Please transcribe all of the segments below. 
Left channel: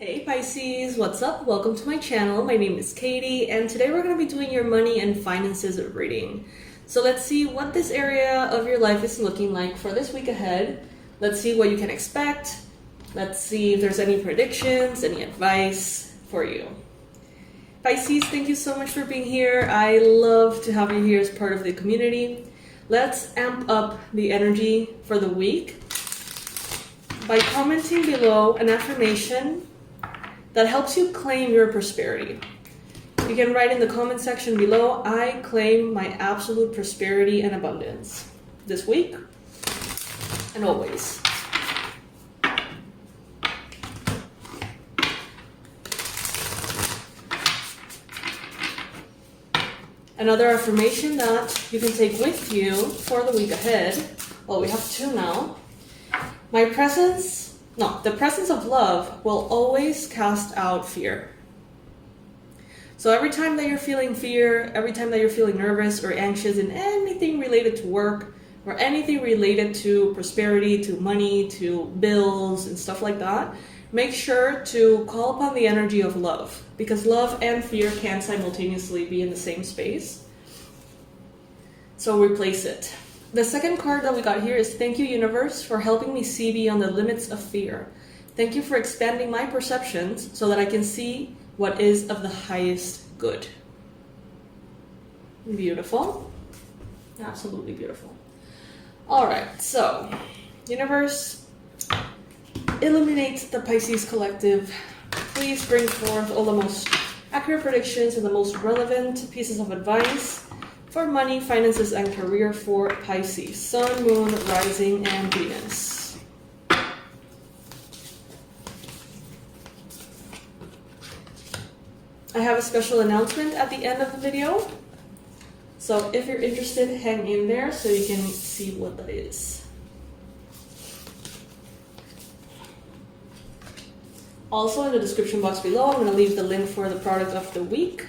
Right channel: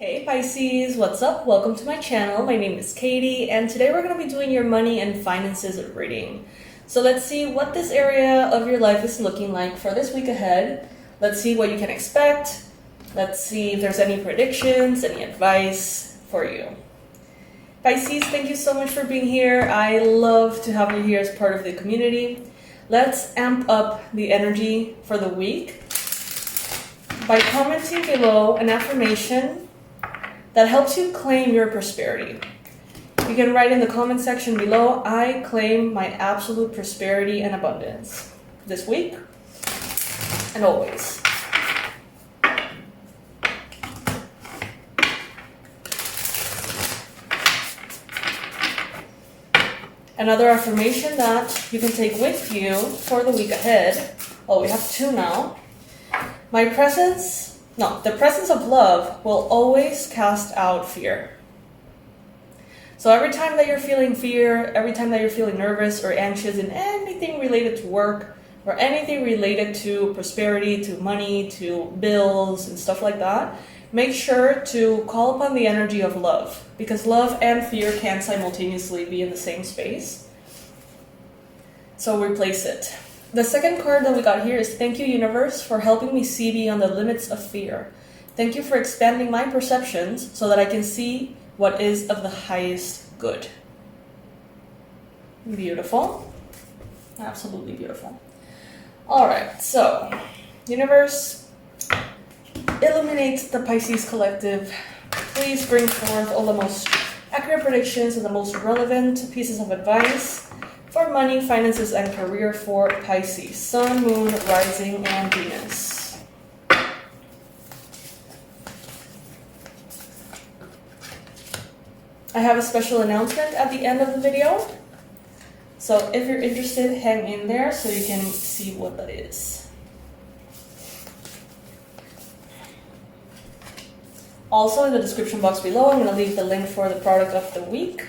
Hey Pisces, what's up? Welcome to my channel. My name is Katie, and today we're going to be doing your money and finances reading. So let's see what this area of your life is looking like for this week ahead. Let's see what you can expect. Let's see if there's any predictions, any advice for you. Pisces, thank you so much for being here. I love to have you here as part of the community. Let's amp up the energy for the week by commenting below an affirmation that helps you claim your prosperity. You can write in the comment section below, I claim my absolute prosperity and abundance this week and always. Another affirmation that you can take with you for the week ahead. Well, we have two now. The presence of love will always cast out fear. So every time that you're feeling fear, every time that you're feeling nervous or anxious in anything related to work or anything related to prosperity, to money, to bills and stuff like that, make sure to call upon the energy of love, because love and fear can simultaneously be in the same space. So replace it. The second card that we got here is thank you, universe, for helping me see beyond the limits of fear. Thank you for expanding my perceptions so that I can see what is of the highest good. Beautiful. Absolutely beautiful. All right, so universe, illuminate the Pisces collective. Please bring forth all the most accurate predictions and the most relevant pieces of advice for money, finances, and career for Pisces, Sun, Moon, Rising, and Venus. I have a special announcement at the end of the video, so if you're interested, hang in there so you can see what that is. Also, in the description box below, I'm going to leave the link for the product of the week,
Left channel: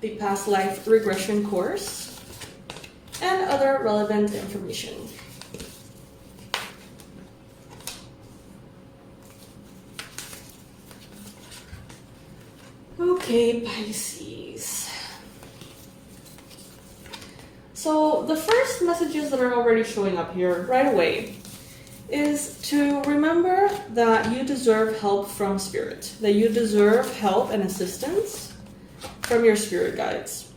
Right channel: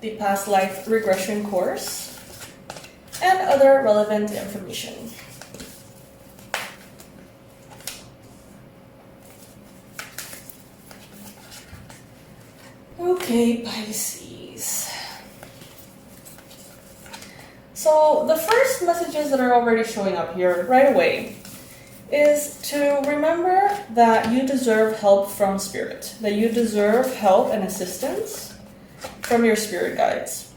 the past life regression course, and other relevant information. Okay, Pisces. So the first messages that are already showing up here right away is to remember that you deserve help from spirit, that you deserve help and assistance from your spirit guides.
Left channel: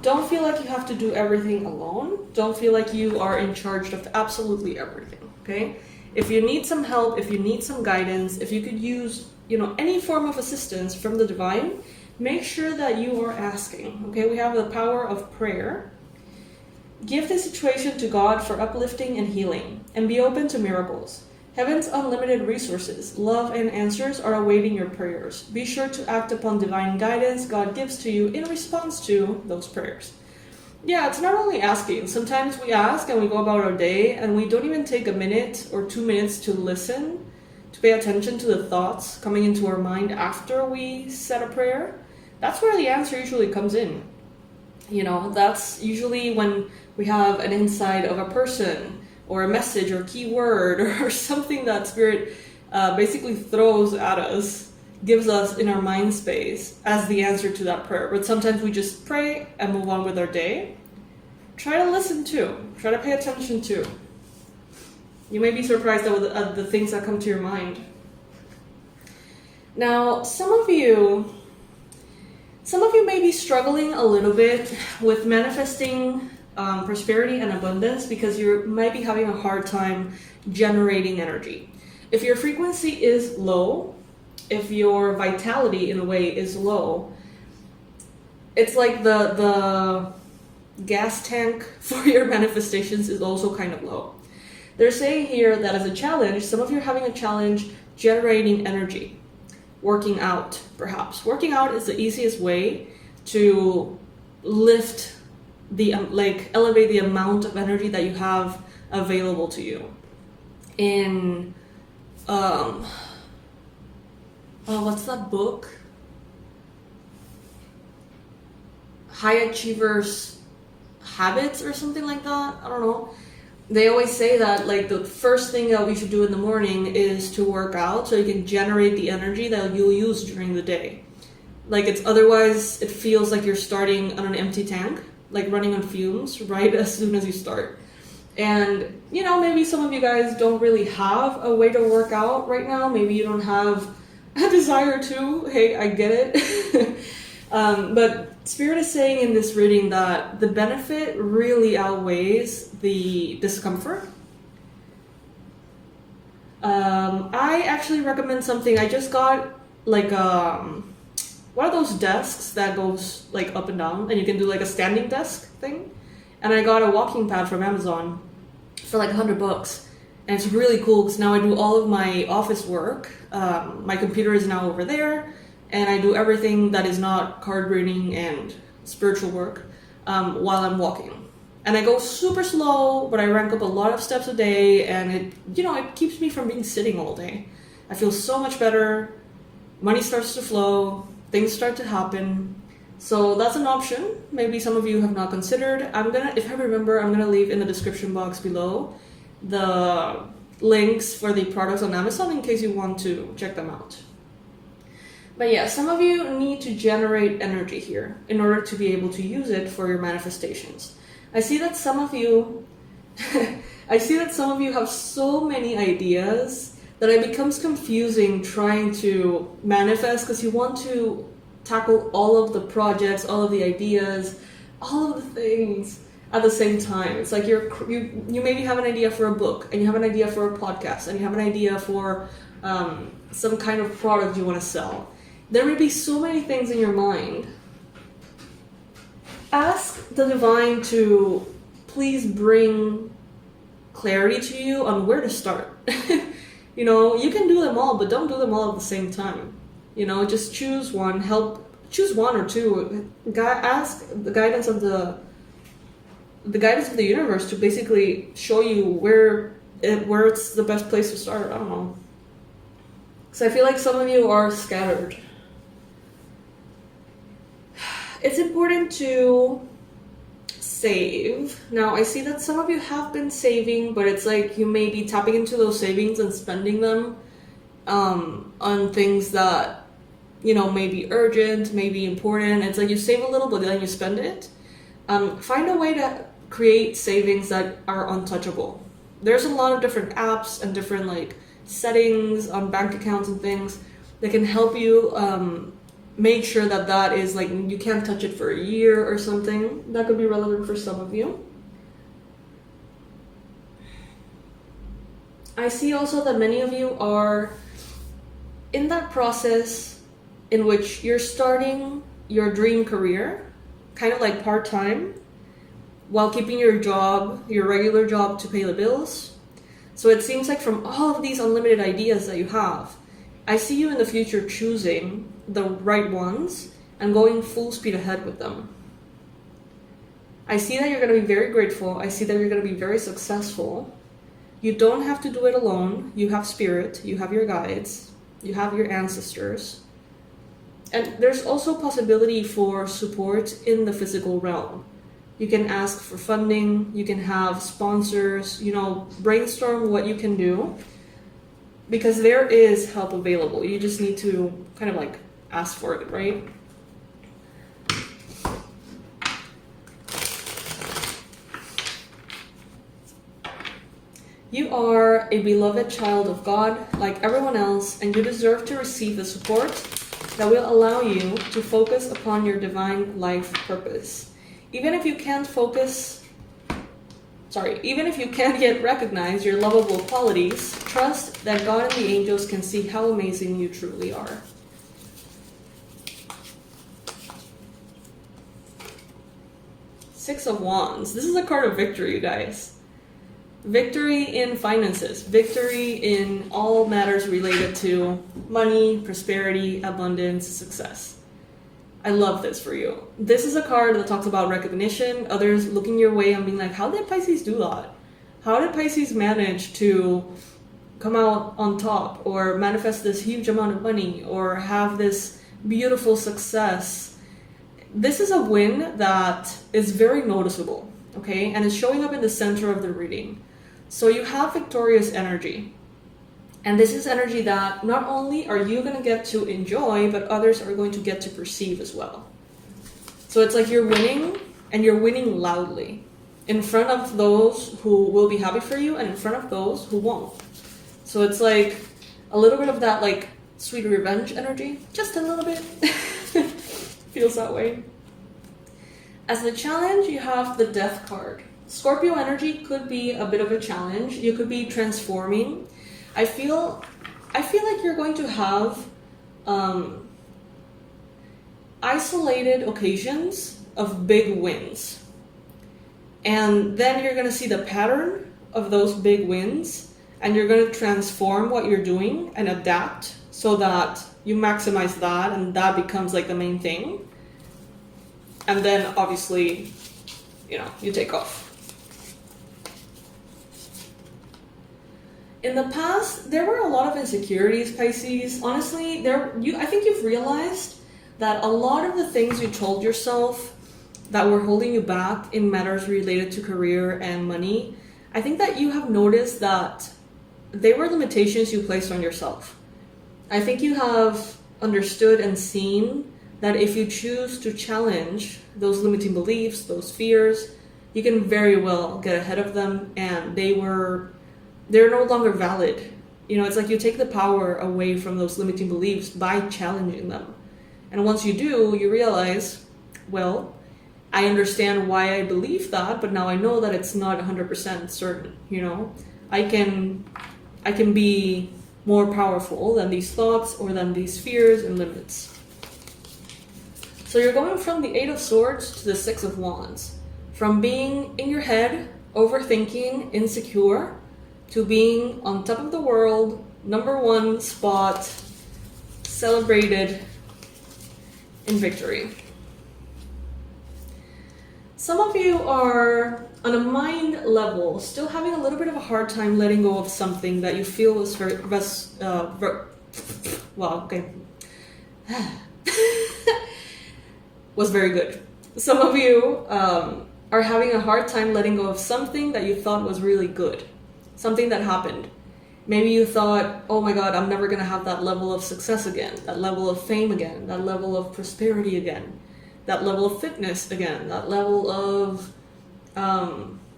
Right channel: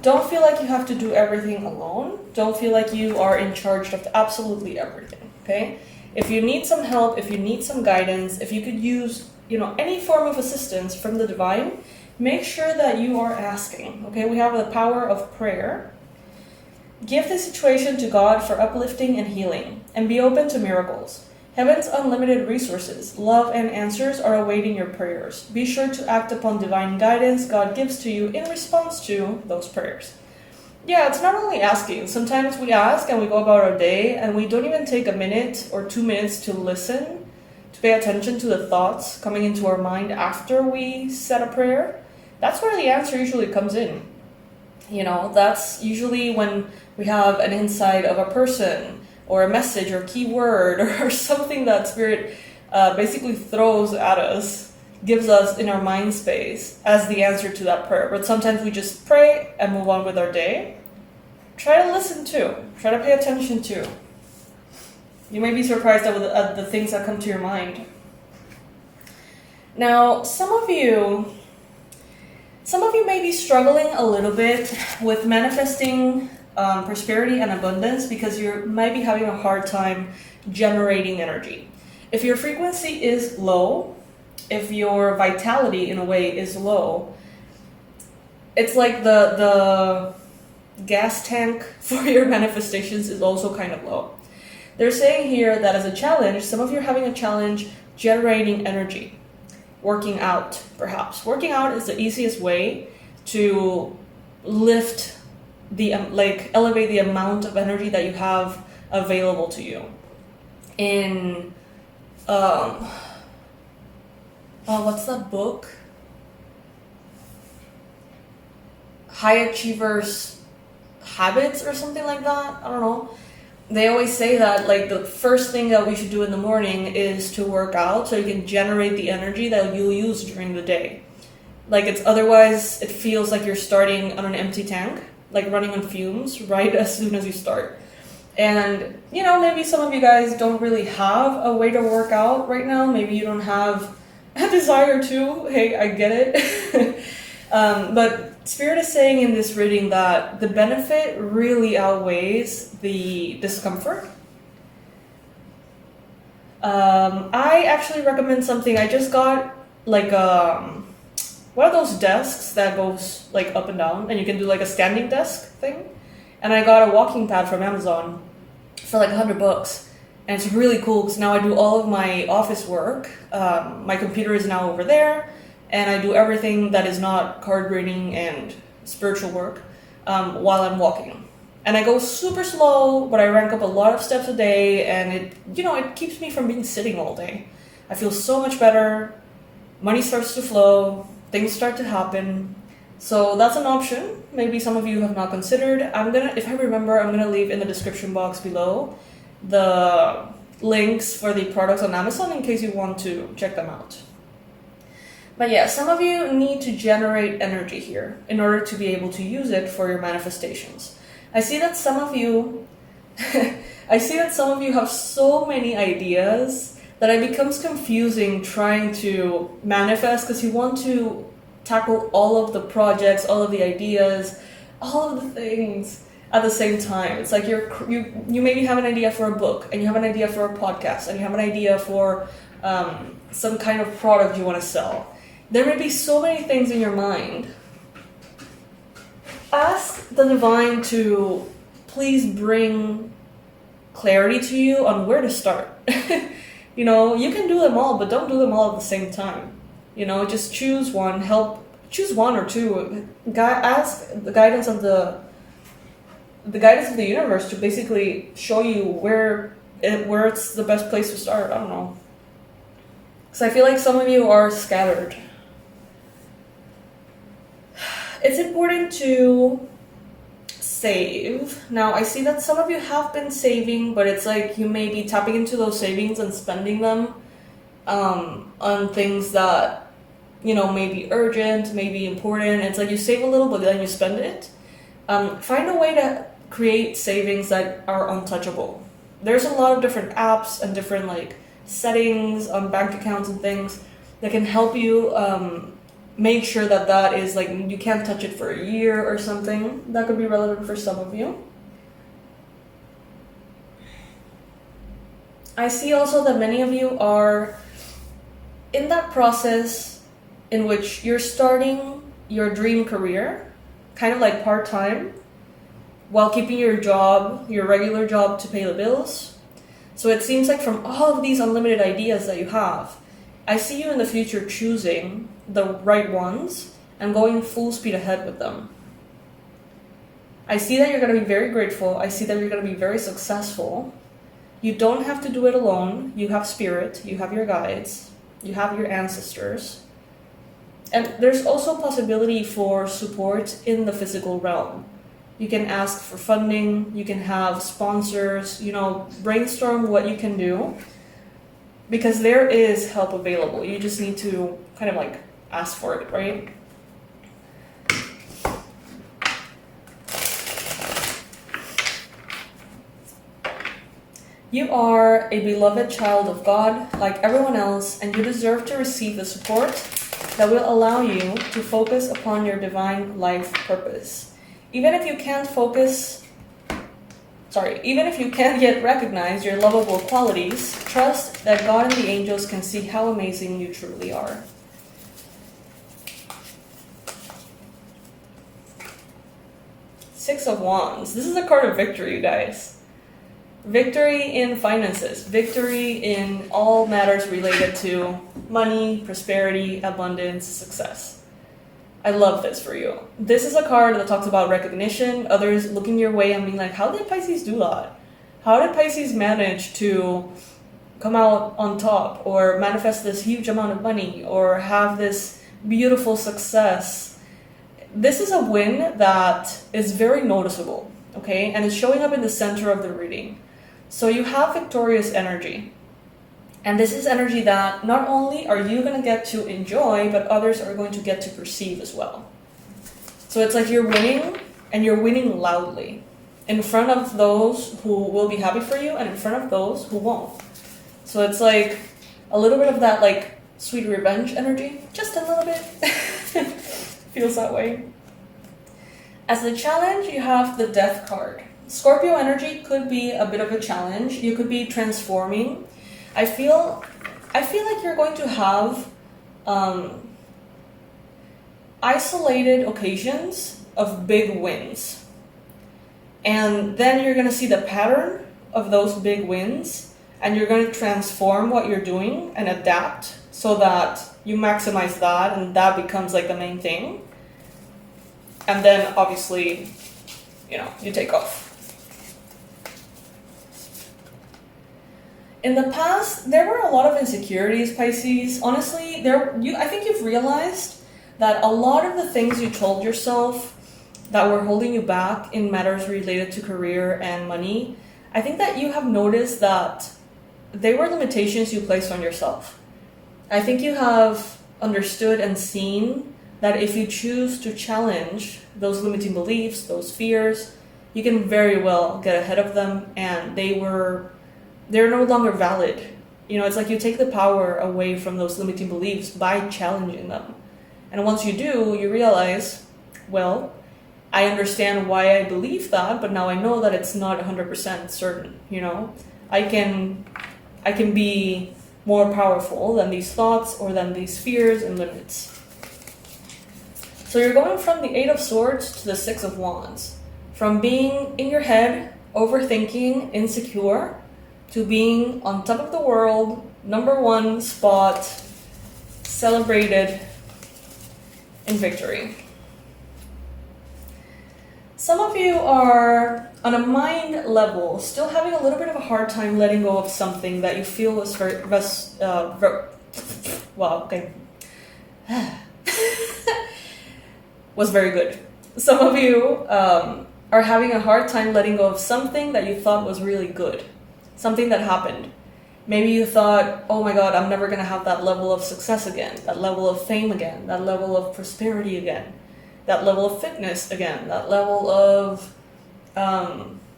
Don't feel like you have to do everything alone. Don't feel like you are in charge of absolutely everything, okay? If you need some help, if you need some guidance, if you could use, any form of assistance from the divine, make sure that you are asking, okay? We have the power of prayer. Give the situation to God for uplifting and healing, and be open to miracles. Heaven's unlimited resources, love, and answers are awaiting your prayers. Be sure to act upon divine guidance God gives to you in response to those prayers. Yeah, it's not only asking. Sometimes we ask and we go about our day and we don't even take a minute or 2 minutes to listen, to pay attention to the thoughts coming into our mind after we said a prayer. That's where the answer usually comes in. That's usually when we have an insight of a person or a message or keyword or something that spirit basically throws at us, gives us in our mind space as the answer to that prayer. But sometimes we just pray and move on with our day. Try to listen to, try to pay attention to. You may be surprised at the things that come to your mind. Now, some of you may be struggling a little bit with manifesting prosperity and abundance because you might be having a hard time generating energy. If your frequency is low, if your vitality in a way is low, it's like the gas tank for your manifestations is also kind of low. They're saying here that as a challenge, some of you are having a challenge generating energy. Working out, perhaps. Working out is the easiest way to lift elevate the amount of energy that you have available to you. In what's that book? High Achievers Habits or something like that. I don't know. they always say that like the first thing that we should do in the morning is to work out so you can generate the energy that you'll use during the day. Like it's otherwise it feels like you're starting on an empty tank, like running on fumes right as soon as you start. And maybe some of you guys don't really have a way to work out right now. Maybe you don't have a desire to. Hey, I get it. But Spirit is saying in this reading that the benefit really outweighs the discomfort. I actually recommend something. I just got like one of those desks that goes like up and down, and you can do like a standing desk thing. And I got a walking pad from Amazon for like $100, and it's really cool because now I do all of my office work. My computer is now over there. And I do everything that is not card reading and spiritual work while I'm walking. And I go super slow, but I rank up a lot of steps a day, and it keeps me from being sitting all day. I feel so much better. Money starts to flow. Things start to happen. So that's an option. Maybe some of you have not considered. If I remember, I'm gonna leave in the description box below the links for the products on Amazon in case you want to check them out. But yeah, some of you need to generate energy here in order to be able to use it for your manifestations. I see that some of you have so many ideas that it becomes confusing trying to manifest because you want to tackle all of the projects, all of the ideas, all of the things at the same time. It's like you maybe have an idea for a book, and you have an idea for a podcast, and you have an idea for some kind of product you want to sell. There may be so many things in your mind. Ask the divine to please bring clarity to you on where to start. You can do them all, but don't do them all at the same time. Just choose one. Choose one or two. Ask the guidance of the universe to basically show you where it's the best place to start. I don't know. Because I feel like some of you are scattered. It's important to save. Now, I see that some of you have been saving, but it's like you may be tapping into those savings and spending them on things that, may be urgent, may be important. It's like you save a little, but then you spend it. Find a way to create savings that are untouchable. There's a lot of different apps and different settings on bank accounts and things that can help you make sure that is you can't touch it for a year or something. That could be relevant for some of you. I see also that many of you are in that process in which you're starting your dream career, kind of like part-time, while keeping your job, your regular job, to pay the bills. So it seems like from all of these unlimited ideas that you have, I see you in the future choosing the right ones and going full speed ahead with them. I see that you're going to be very grateful. I see that you're going to be very successful. You don't have to do it alone. You have spirit, you have your guides, you have your ancestors. And there's also possibility for support in the physical realm. You can ask for funding, you can have sponsors, brainstorm what you can do. Because there is help available. You just need to kind of ask for it, right? You are a beloved child of God, like everyone else, and you deserve to receive the support that will allow you to focus upon your divine life purpose. Even if you can't yet recognize your lovable qualities, trust that God and the angels can see how amazing you truly are. Six of Wands. This is a card of victory, you guys. Victory in finances. Victory in all matters related to money, prosperity, abundance, success. I love this for you. This is a card that talks about recognition, others looking your way and being like, how did Pisces do that? How did Pisces manage to come out on top or manifest this huge amount of money or have this beautiful success? This is a win that is very noticeable, okay? And it's showing up in the center of the reading. So you have victorious energy. And this is energy that not only are you going to get to enjoy, but others are going to get to perceive as well. So it's like you're winning, and you're winning loudly, in front of those who will be happy for you and in front of those who won't. So it's like a little bit of that like sweet revenge energy, just a little bit. Feels that way. As the challenge, you have the Death card. Scorpio energy could be a bit of a challenge. You could be transforming. I feel like you're going to have isolated occasions of big wins. And then you're going to see the pattern of those big wins, and you're going to transform what you're doing and adapt so that you maximize that, and that becomes like the main thing. And then obviously, you take off. In the past, there were a lot of insecurities, Pisces. Honestly, I think you've realized that a lot of the things you told yourself that were holding you back in matters related to career and money, I think that you have noticed that they were limitations you placed on yourself. I think you have understood and seen that if you choose to challenge those limiting beliefs, those fears, you can very well get ahead of them, and they're no longer valid. It's like you take the power away from those limiting beliefs by challenging them. And once you do, you realize, well, I understand why I believe that, but now I know that it's not 100% certain. I can be more powerful than these thoughts or than these fears and limits. So you're going from the Eight of Swords to the Six of Wands. From being in your head, overthinking, insecure, to being on top of the world, #1 spot, celebrated in victory. Some of you are, on a mind level, still having a little bit of a hard time letting go of something that you feel was was very good. Some of you are having a hard time letting go of something that you thought was really good. Something that happened. Maybe you thought, oh my God, I'm never going to have that level of success again, that level of fame again, that level of prosperity again, that level of fitness again, that level of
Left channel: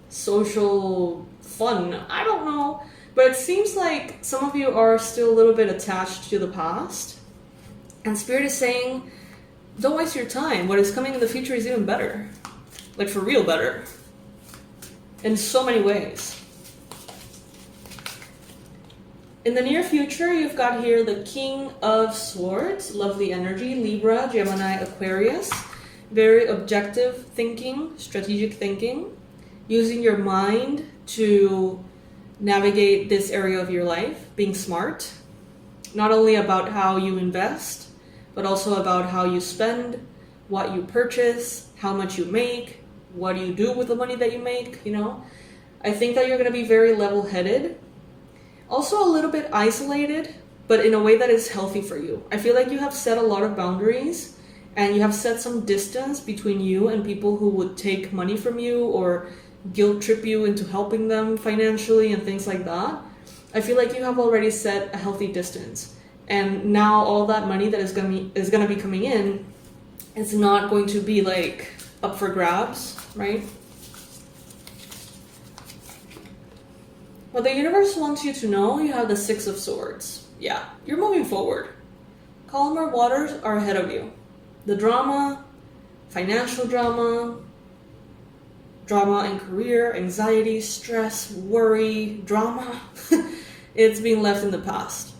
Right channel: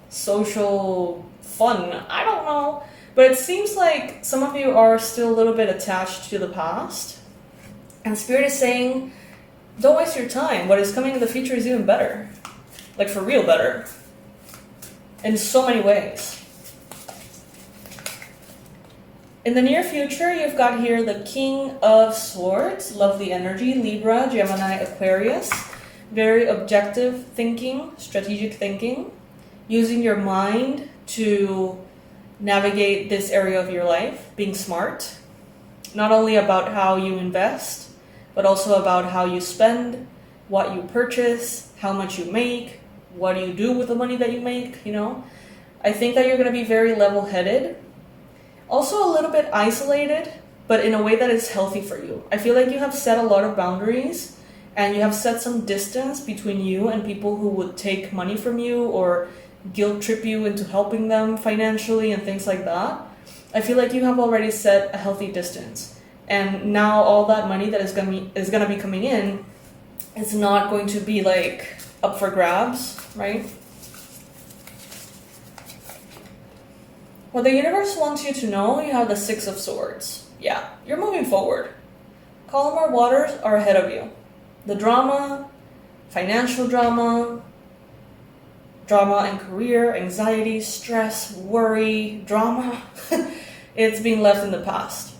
social fun. I don't know. But it seems like some of you are still a little bit attached to the past. And Spirit is saying, don't waste your time. What is coming in the future is even better. Like for real better. In so many ways. In the near future, you've got here the King of Swords, lovely energy, Libra, Gemini, Aquarius. Very objective thinking, strategic thinking, using your mind to navigate this area of your life, being smart, not only about how you invest, but also about how you spend, what you purchase, how much you make, what do you do with the money that you make, I think that you're going to be very level-headed. Also a little bit isolated, but in a way that is healthy for you. I feel like you have set a lot of boundaries, and you have set some distance between you and people who would take money from you or guilt trip you into helping them financially and things like that. I feel like you have already set a healthy distance. And now all that money that is going to be coming in is not going to be like up for grabs, right? What the universe wants you to know, you have the Six of Swords. Yeah, you're moving forward. Calmer waters are ahead of you. The drama, financial drama in career, anxiety, stress, worry, drama, it's being left in the past.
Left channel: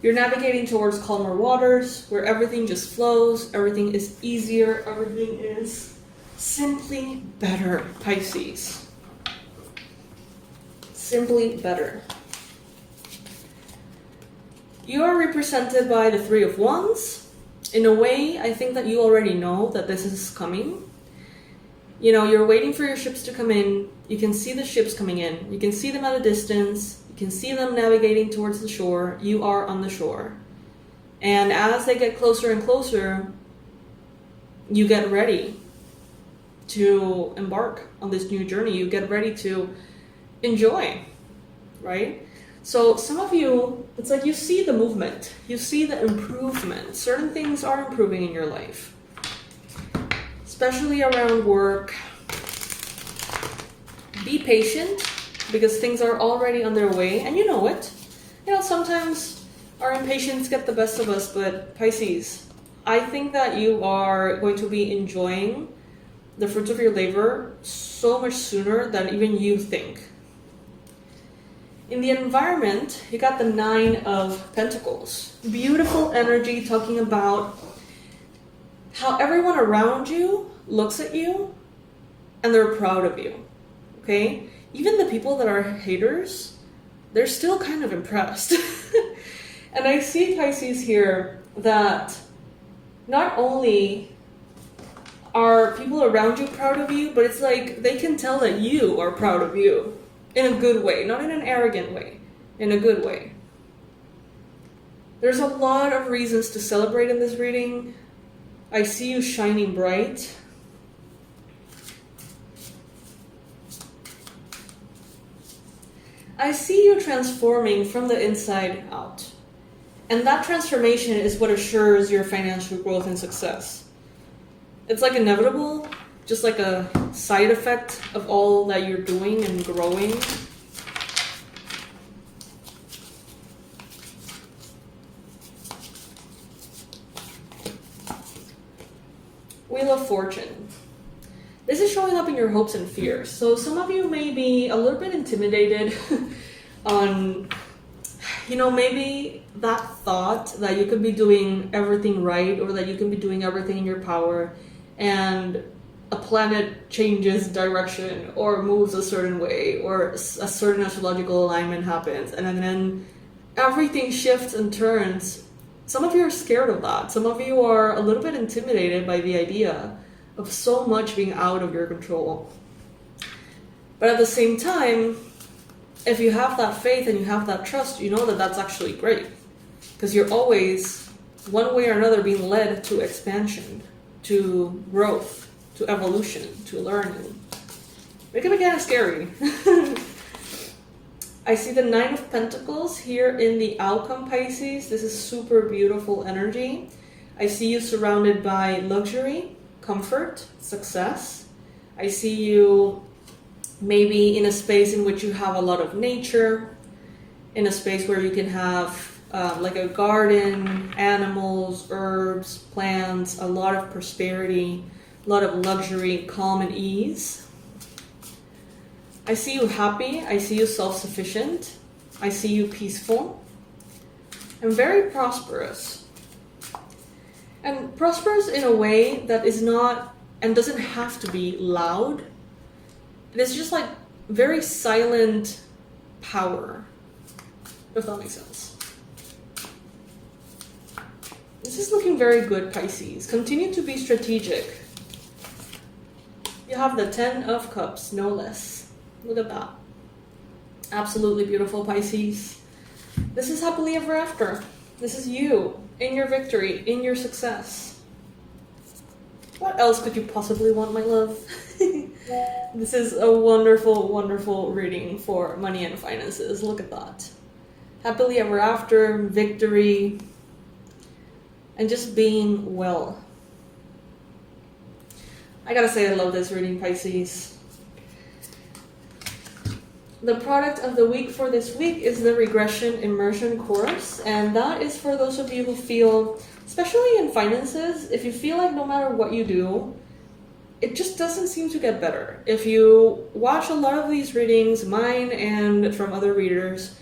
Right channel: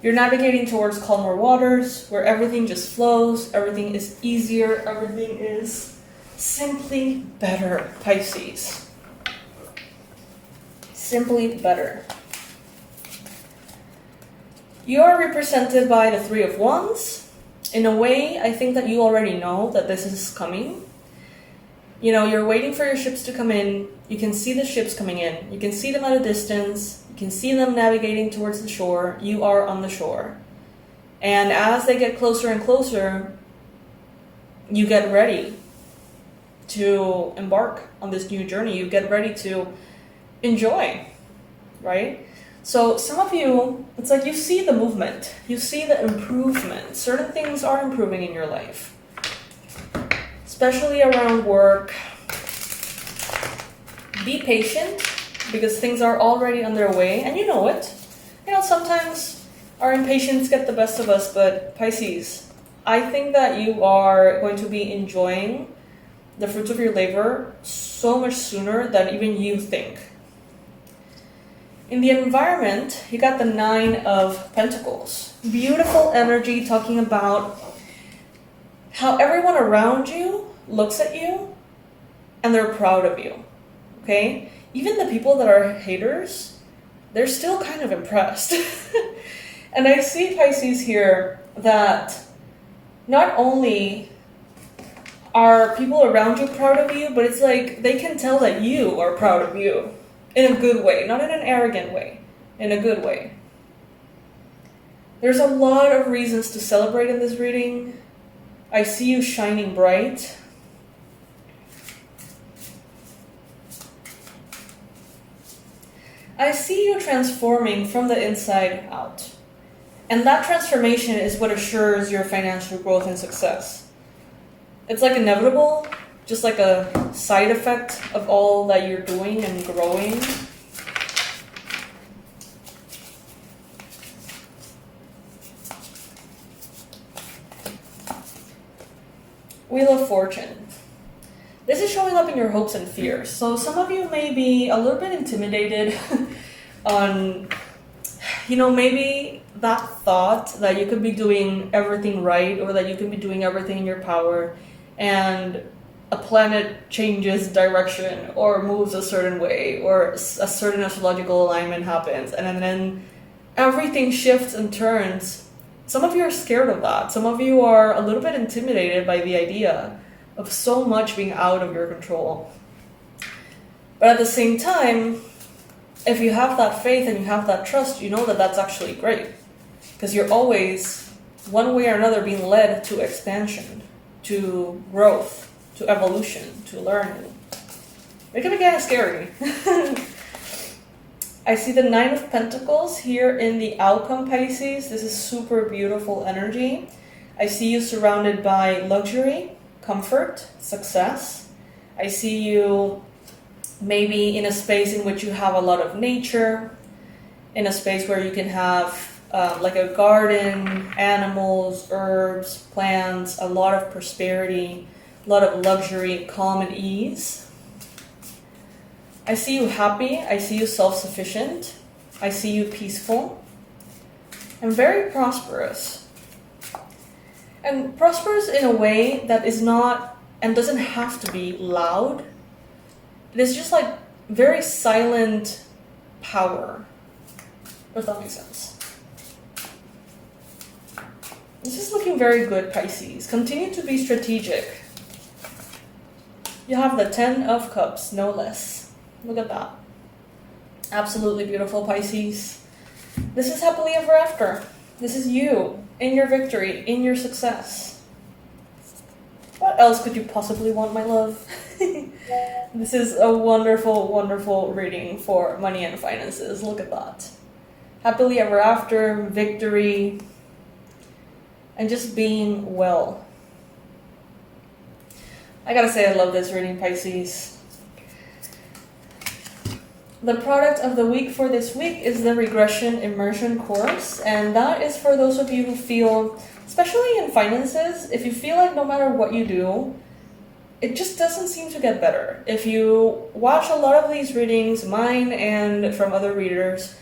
You're navigating towards calmer waters where everything just flows, everything is easier, everything is simply better, Pisces. Simply better. You are represented by the Three of Wands. In a way, I think that you already know that this is coming. You're waiting for your ships to come in. You can see the ships coming in. You can see them at a distance. You can see them navigating towards the shore. You are on the shore. And as they get closer and closer, you get ready to embark on this new journey. You get ready to enjoy, right? So some of you, it's like you see the movement, you see the improvement. Certain things are improving in your life, especially around work. Be patient because things are already on their way and you know it. You know, sometimes our impatience gets the best of us, but Pisces, I think that you are going to be enjoying the fruits of your labor so much sooner than even you think. In the environment, you got the 9 of Pentacles. Beautiful energy talking about how everyone around you looks at you and they're proud of you. Okay? Even the people that are haters, they're still kind of impressed. And I see, Pisces, here that not only are people around you proud of you, but it's like they can tell that you are proud of you in a good way, not in an arrogant way, in a good way. There's a lot of reasons to celebrate in this reading. I see you shining bright. I see you transforming from the inside out. And that transformation is what assures your financial growth and success. It's like inevitable, just like a side effect of all that you're doing and growing. Wheel of Fortune. This is showing up in your hopes and fears. So some of you may be a little bit intimidated on, maybe that thought that you could be doing everything right or that you can be doing everything in your power and a planet changes direction or moves a certain way or a certain astrological alignment happens and then everything shifts and turns. Some of you are scared of that. Some of you are a little bit intimidated by the idea of so much being out of your control. But at the same time, if you have that faith and you have that trust, you know that that's actually great. Because you're always, one way or another, being led to expansion, to growth, to evolution, to learning. It can be kind of scary. I see the 9 of Pentacles here in the outcome, Pisces. This is super beautiful energy. I see you surrounded by luxury, comfort, success. I see you maybe in a space in which you have a lot of nature, in a space where you can have like a garden, animals, herbs, plants, a lot of prosperity, a lot of luxury, calm and ease. I see you happy. I see you self-sufficient. I see you peaceful and very prosperous. And prosperous in a way that is not and doesn't have to be loud. It is just like very silent power, if that makes sense. This is looking very good, Pisces. Continue to be strategic. You have the 10 of Cups, no less. Look at that. Absolutely beautiful, Pisces. This is happily ever after. This is you, in your victory, in your success. What else could you possibly want, my love? This is a wonderful, wonderful reading for money and finances. Look at that. Happily ever after, victory, and just being well. I gotta say I love this reading, Pisces. The product of the week for this week is the Regression Immersion course, and that is for those of you who feel, especially in finances, if you feel like no matter what you do, it just doesn't seem to get better. If you watch a lot of these readings, mine and from other readers,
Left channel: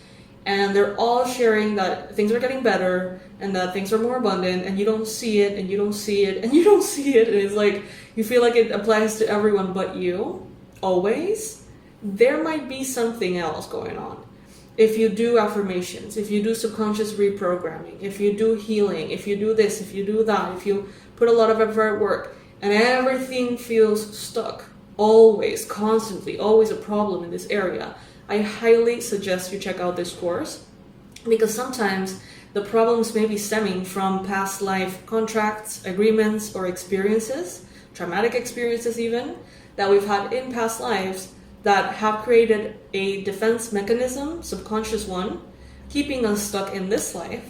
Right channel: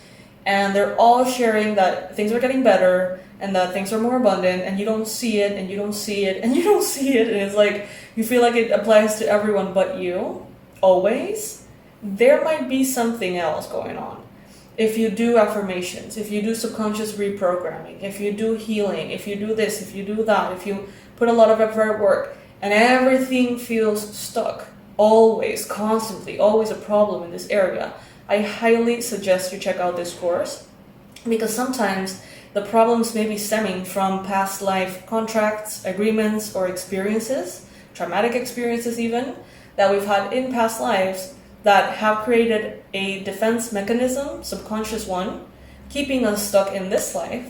and they're all sharing that things are getting better and that things are more abundant, and you don't see it, and you don't see it, and you don't see it, and it's like you feel like it applies to everyone but you, always, there might be something else going on. If you do affirmations, if you do subconscious reprogramming, if you do healing, if you do this, if you do that, if you put a lot of effort at work, and everything feels stuck, always, constantly, always a problem in this area, I highly suggest you check out this course, because sometimes the problems may be stemming from past life contracts, agreements, or experiences, traumatic experiences even, that we've had in past lives that have created a defense mechanism, subconscious one, keeping us stuck in this life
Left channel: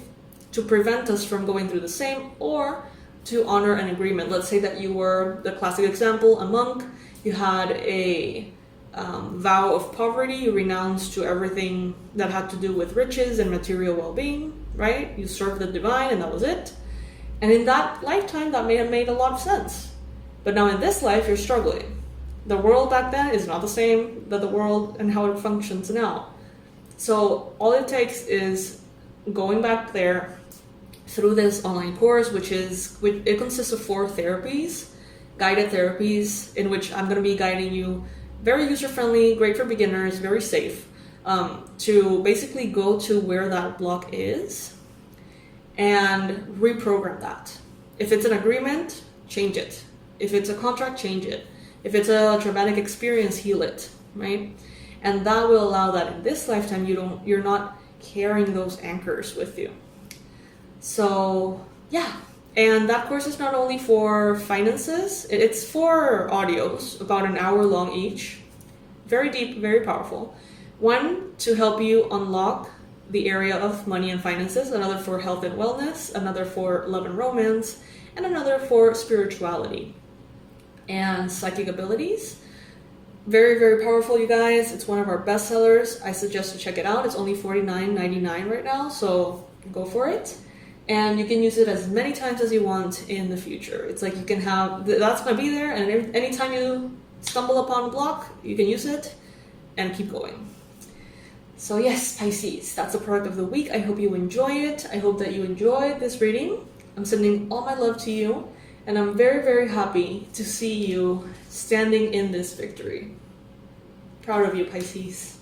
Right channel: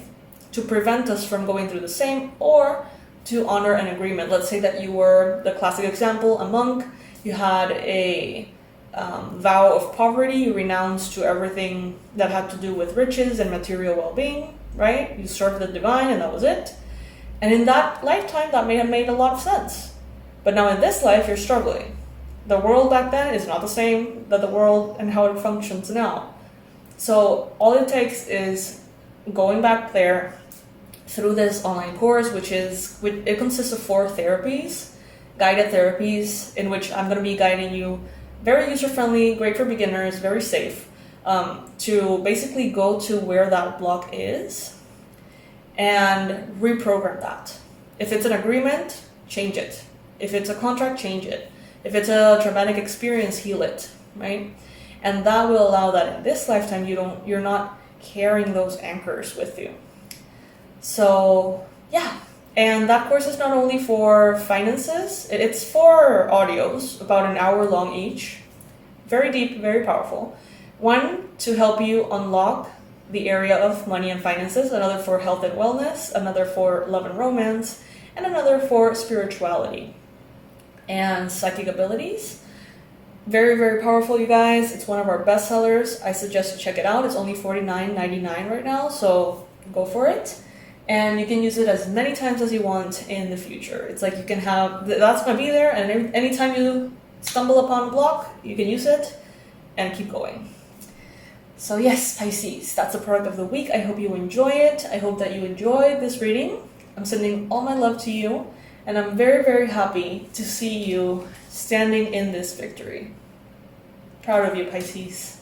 to prevent us from going through the same, or to honor an agreement. Let's say that you were, the classic example, a monk, you had a vow of poverty, you renounced to everything that had to do with riches and material well-being, right? You served the divine and that was it. And in that lifetime, that may have made a lot of sense. But now in this life, you're struggling. The world back then is not the same that the world and how it functions now. So all it takes is going back there through this online course, it consists of 4 therapies, guided therapies, in which I'm going to be guiding you, very user-friendly, great for beginners, very safe, to basically go to where that block is and reprogram that. If it's an agreement, change it. If it's a contract, change it. If it's a traumatic experience, heal it, right? And that will allow that in this lifetime you're not carrying those anchors with you. So yeah, and that course is not only for finances, it's 4 audios, about an hour long each. Very deep, very powerful. One to help you unlock the area of money and finances, another for health and wellness, another for love and romance, and another for spirituality and psychic abilities. Very, very powerful, you guys. It's one of our best sellers. I suggest you check it out. It's only $49.99 right now, so go for it. And you can use it as many times as you want in the future. It's like you can have, that's going to be there, and anytime you stumble upon a block, you can use it and keep going. So yes, Pisces, that's the product of the week. I hope you enjoy it. I hope that you enjoyed this reading. I'm sending all my love to you, and I'm very, very happy to see you standing in this victory. Proud of you, Pisces.